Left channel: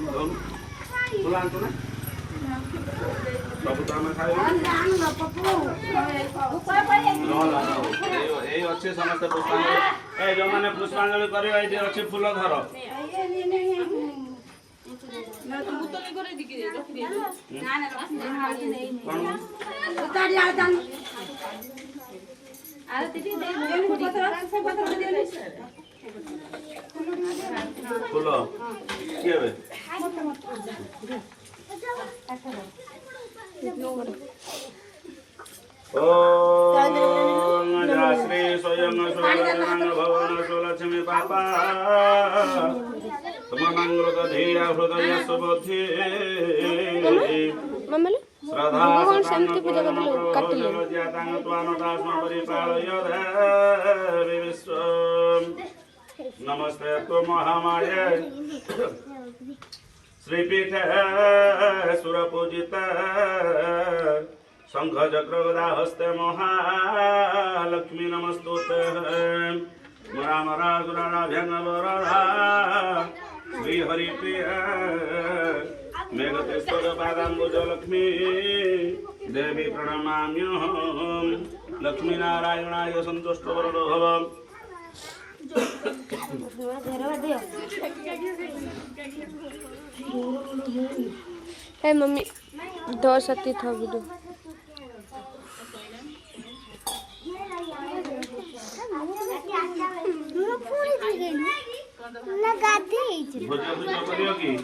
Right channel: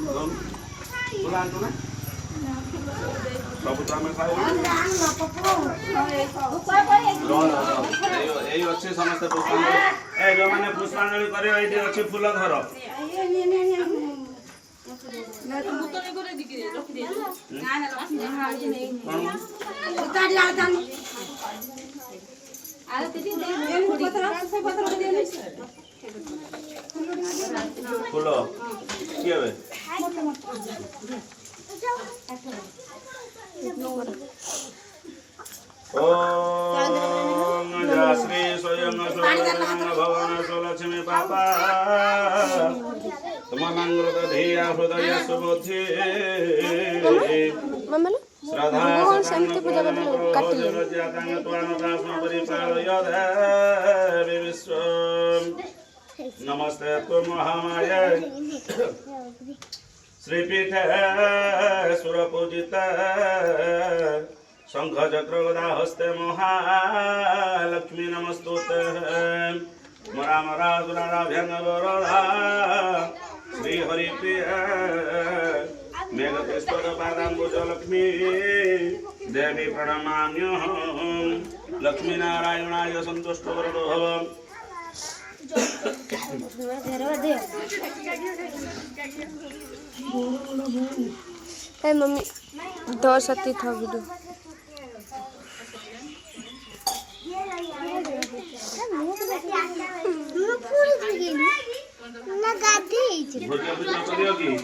full आंतु ना सब तो आम खाऊ यही अच्छे समस्त पुष्पांजलि ए जो मैंने पुष्पांजलि करे ये अच्छे फूल धर फूल किए ओम श्री स्वयं भवन सुलक्ष्मी पापा सममंगल धिया हृदय सुबुद्धि श्रद्धा शांति पूजा विश्व नमस्ते तो महामाये श्रीपीठ सुरपूजित शंख चक्र गदा हस्ते महालक्ष्मी नमस्तुते मरामराजुराराभ्यंगवरदा श्री हरिप्रिय मेघकेश्वर पादाम्बुज लक्ष्मी देवी प्रणमाम्यहं लक्ष्मी नारायणाय संतुष्ट वरदो भव hey मम्मी 10 सती था वीडियो भोज करियो की